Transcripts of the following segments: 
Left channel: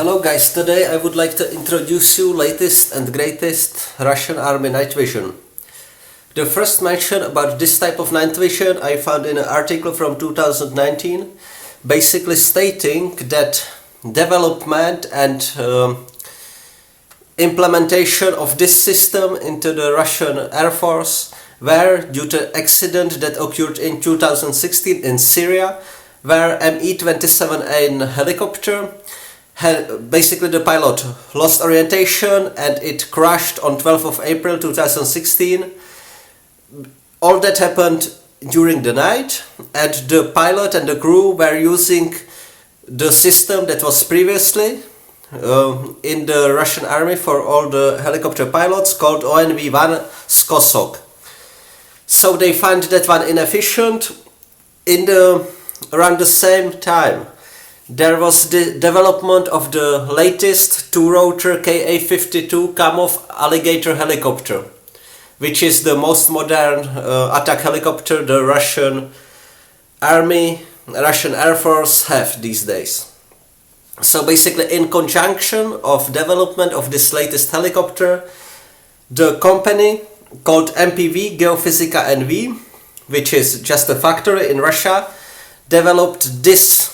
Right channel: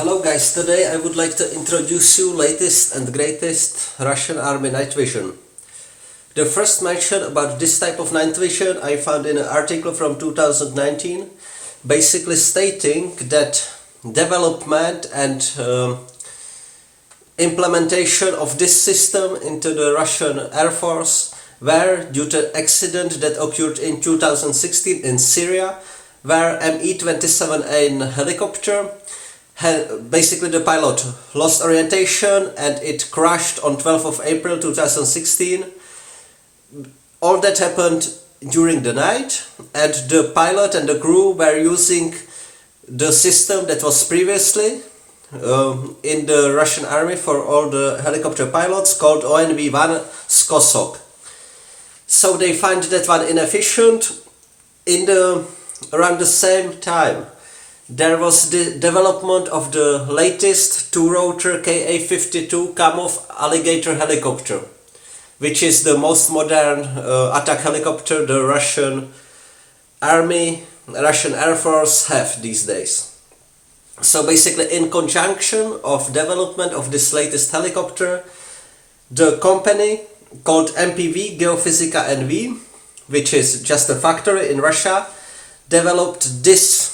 Hello guys, today I would like to introduce you latest and greatest Russian army night vision. The first mention about this type of night vision I found in an article from 2019, basically stating that development and implementation of this system into the Russian Air Force were due to accident that occurred in 2016 in Syria, where Me-27 helicopter basically the pilot lost orientation and it crashed on 12th of April 2016. All that happened during the night, and the pilot and the crew were using the system that was previously in the Russian army for all the helicopter pilots, called ONV1 Skosok. So they find that one inefficient. Around the same time there was the development of the latest two-rotor Ka-52 Kamov Alligator helicopter, which is the most modern attack helicopter the Russian Army, Russian Air Force have these days. So basically, in conjunction of development of this latest helicopter, the company called MPV GEO-ONV1, which is just a factory in Russia, developed this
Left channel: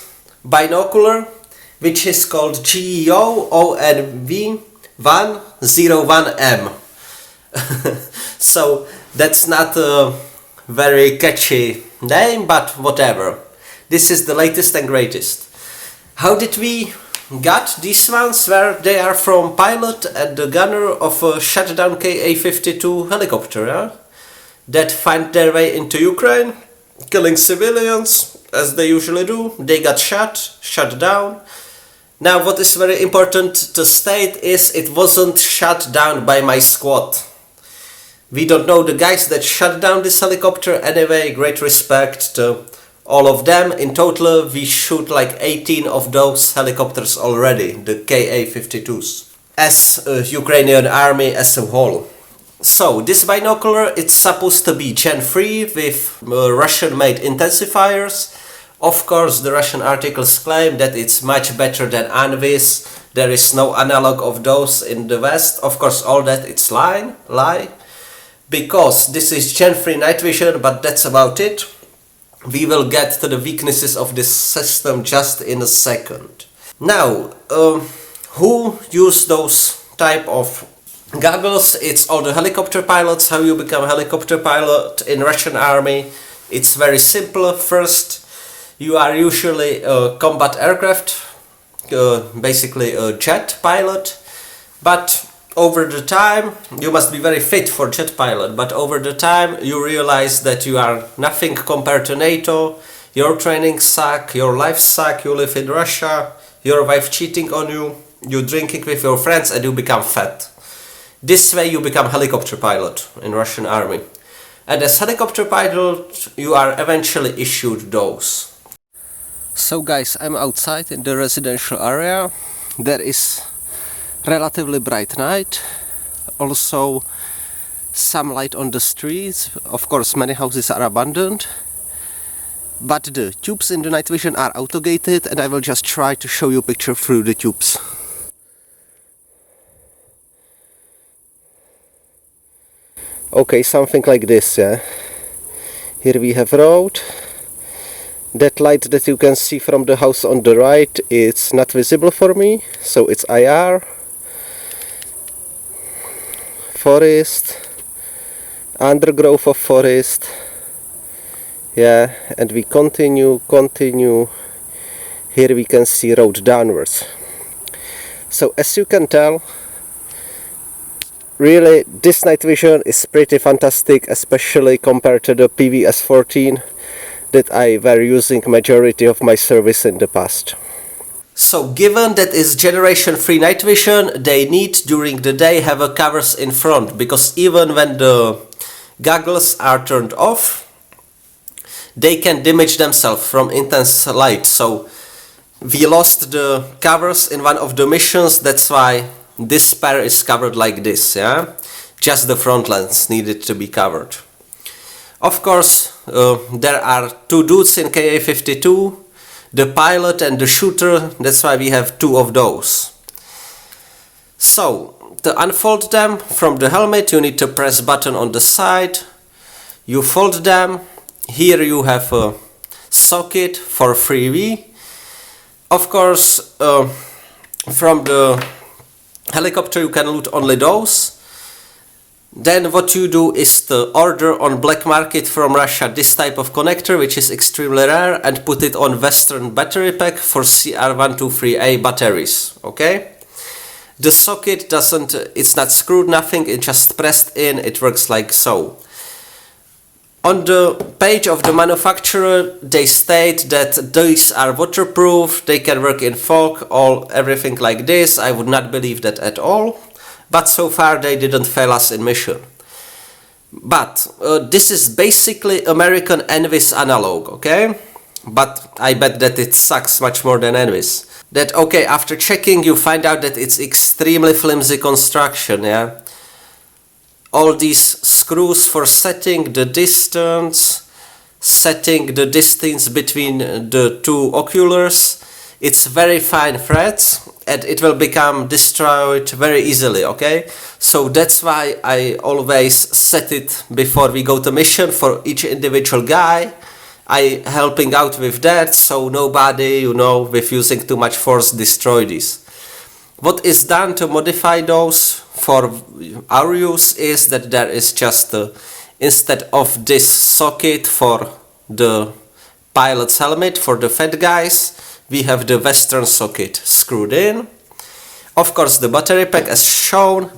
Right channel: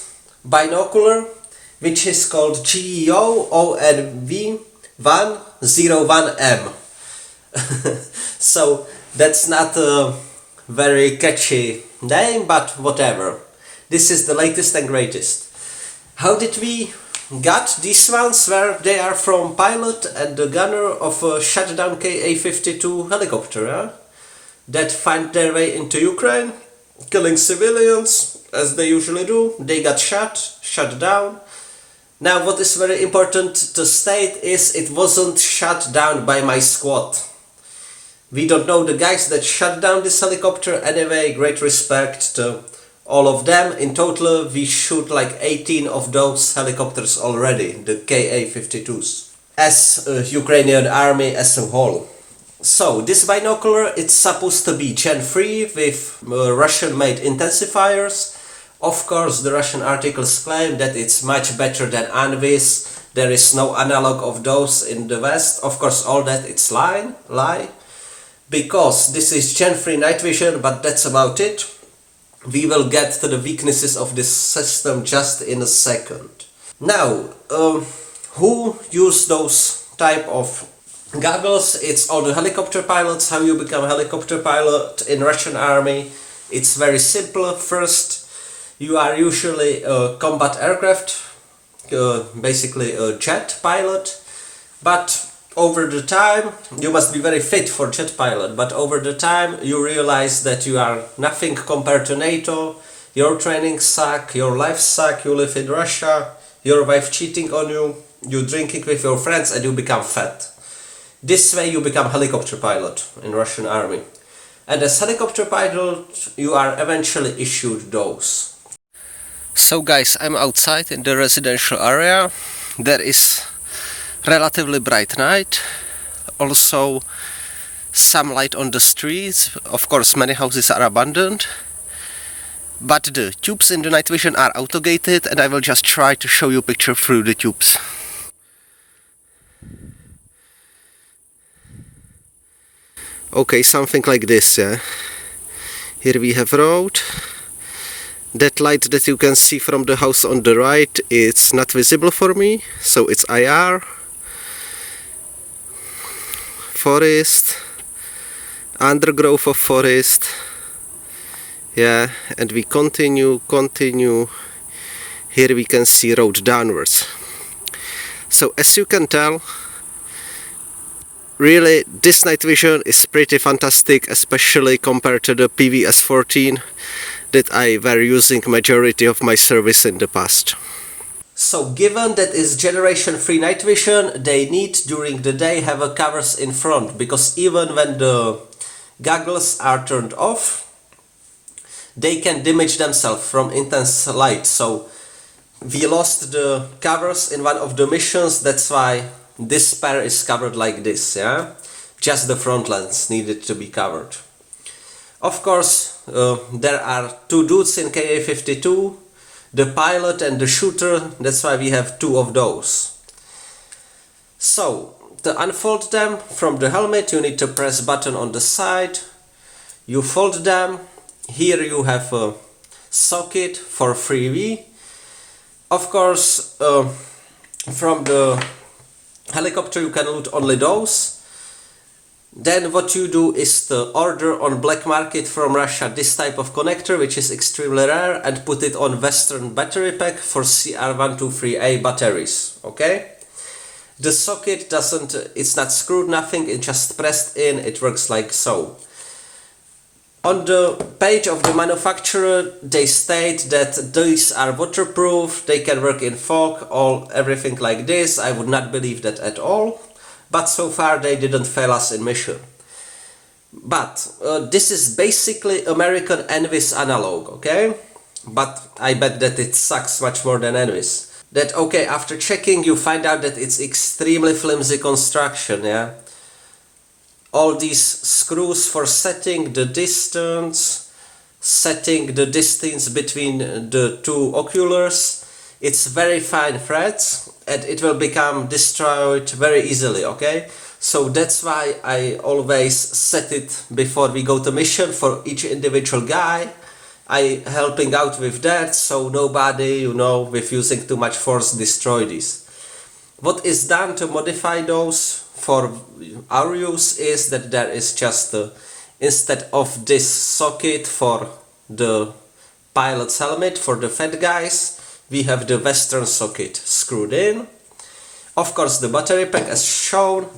binocular, which is called GEO-ONV1-01M. So that's not a very catchy name, but whatever. This is the latest and greatest. How did we got these ones? Where they are from pilot and the gunner of a shutdown Ka-52 helicopter that find their way into Ukraine, killing civilians as they usually do. They got shut down. Now what is very important to state is it wasn't shut down by my squad. We don't know the guys that shut down this helicopter. Anyway, great respect to all of them. In total we shoot like 18 of those helicopters already, the Ka-52s, as a Ukrainian army as a whole. So this binocular, it's supposed to be Gen 3 with Russian made intensifiers. Of course the Russian articles claim that it's much better than ANVIs. There is no analog of those in the West. Of course all that it's lie, because this is Gen 3 night vision, but that's about it. We will get to the weaknesses of this system just in a second. Now, who use those type of goggles? It's all the helicopter pilots. How you become a helicopter pilot in Russian army? It's very simple. First, you are usually a combat aircraft, basically a jet pilot, but over the time, you must be very fit for jet pilot, but over the time you realize that you are nothing compared to NATO, your training suck, your life suck, you live in Russia, your wife cheating on you, you drinking with your friends and you become fat. This way you become helicopter pilot in Russian army. And as helicopter pilot you are eventually issued those. So guys, I'm outside in the residential area. There is relatively bright night, also some light on the streets. Of course many houses are abandoned, but the tubes in the night vision are auto-gated and I will just try to show you a picture through the tubes. Okay, something like this, yeah. Here we have road. That light that you can see from the house on the right, it's not visible for me, so it's IR. Forest, undergrowth of forest, yeah, and we continue. Here we can see road downwards. So as you can tell, really this night vision is pretty fantastic, especially compared to the PVS-14 that I were using majority of my service in the past. So given that is generation 3 night vision, they need during the day have a covers in front, because even when the goggles are turned off, they can damage themselves from intense light. So we lost the covers in one of the missions, that's why this pair is covered like this, yeah? Just the front lens needed to be covered. Of course, there are two dudes in Ka-52, the pilot and the shooter, that's why we have two of those. So, to unfold them from the helmet, you need to press button on the side. You fold them. Here you have a socket for 3V. Of course, from the helicopter you can loot only those. Then what you do is to order on black market from Russia this type of connector, which is extremely rare, and put it on Western battery pack for CR123A batteries. Okay? The socket it's not screwed, nothing, it's just pressed in, it works like so. On the page of the manufacturer, they state that these are waterproof, they can work in fog, everything like this. I would not believe that at all, but so far they didn't fail us in mission. But this is basically American Envis analog, okay? But I bet that it sucks much more than Envis. That, okay, after checking you find out that it's extremely flimsy construction, yeah? All these screws for setting the distance between the two oculars, it's very fine threads and it will become destroyed very easily, okay? So that's why I always set it before we go to mission for each individual guy. I helping out with that, so nobody, with using too much force destroy these. What is done to modify those for our use is that there is just instead of this socket for the pilot's helmet for the fat guys, we have the Western socket screwed in. Of course the battery pack as shown,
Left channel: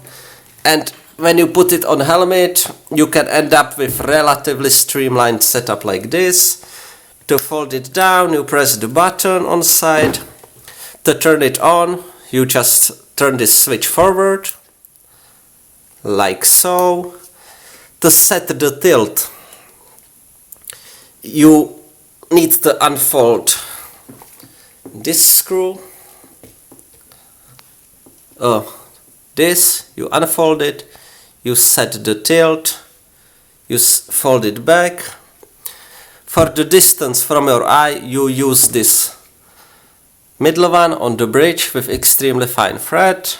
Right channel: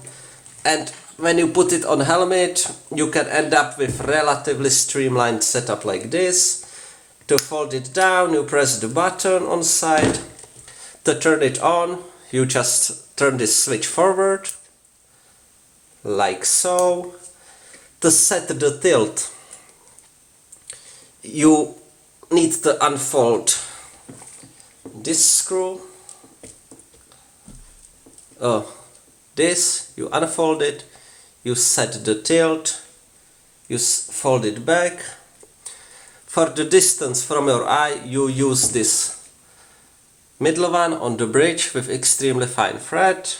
and when you put it on helmet you can end up with relatively streamlined setup like this. To fold it down you press the button on side. To turn it on you just turn this switch forward like so. To set the tilt you need to unfold this screw. This, you unfold it, you set the tilt, you fold it back. For the distance from your eye you use this middle one on the bridge with extremely fine thread.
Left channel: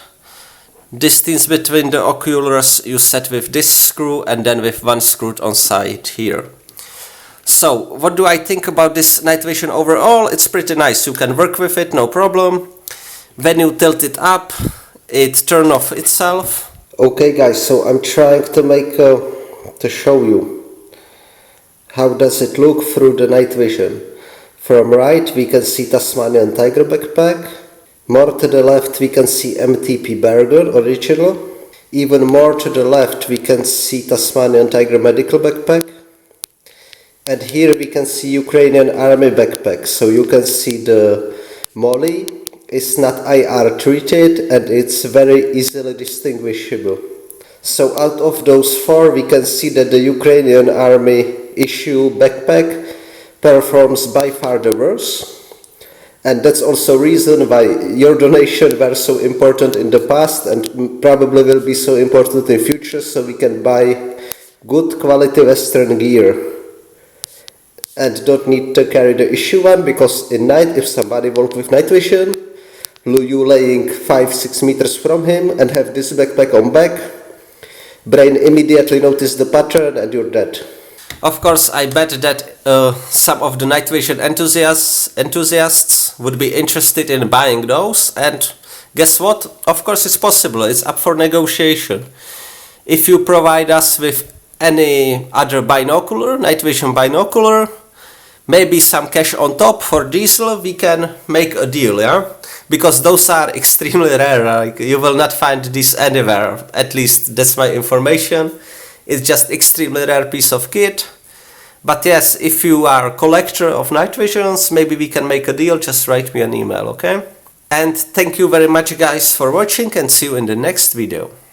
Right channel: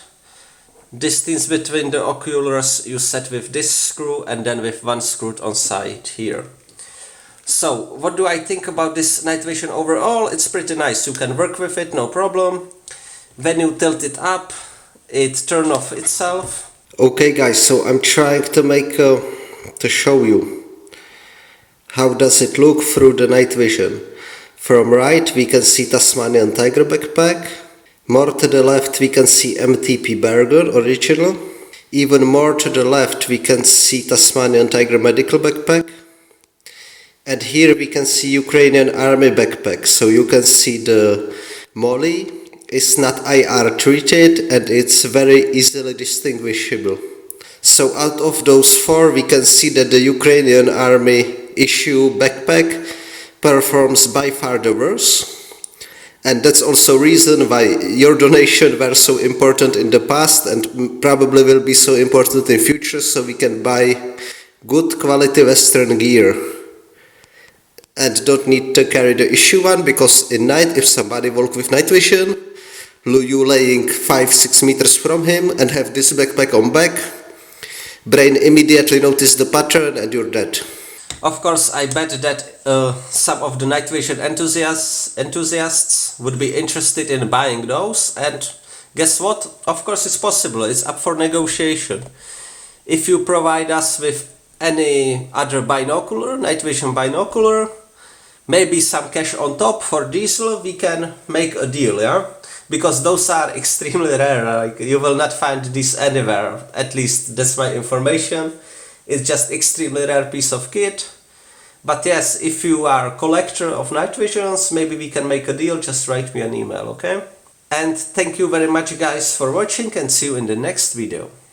Distance between the oculars you set with this screw and then with one screw on side here. So what do I think about this night vision overall? It's pretty nice, you can work with it, no problem. When you tilt it up it turns off itself. Okay guys, so I'm trying to show you how does it look through the night vision. From right we can see Tasmanian Tiger backpack. More to the left we can see MTP Bergen original. Even more to the left we can see Tasmanian Tiger medical backpack. And here we can see Ukrainian army backpack. So you can see the molly is not IR treated and it's very easily distinguishable. So out of those four we can see that the Ukrainian army issue backpack performs by far the worst. And that's also reason why your donation were so important in the past and probably will be so important in future, so we can buy good quality Western gear. And don't need to carry the issue one, because in night if somebody walk with night vision, you laying 5-6 meters from him and have this backpack on back, brain immediately notice the pattern and you're dead. Of course, I bet that some of the night vision enthusiasts would be interested in buying those, and guess what? Of course it's possible, it's up for negotiation. If you provide us with any other binocular, night vision binocular, maybe some cash on top for diesel, we can make a deal, yeah? Because those are extremely rare, like you will not find this anywhere, at least that's my information. It's just extremely rare piece of kit. But yes, if you are a collector of night visions, maybe we can make a deal, just write me an email, okay? And thank you very much guys for watching, and see you in the next video.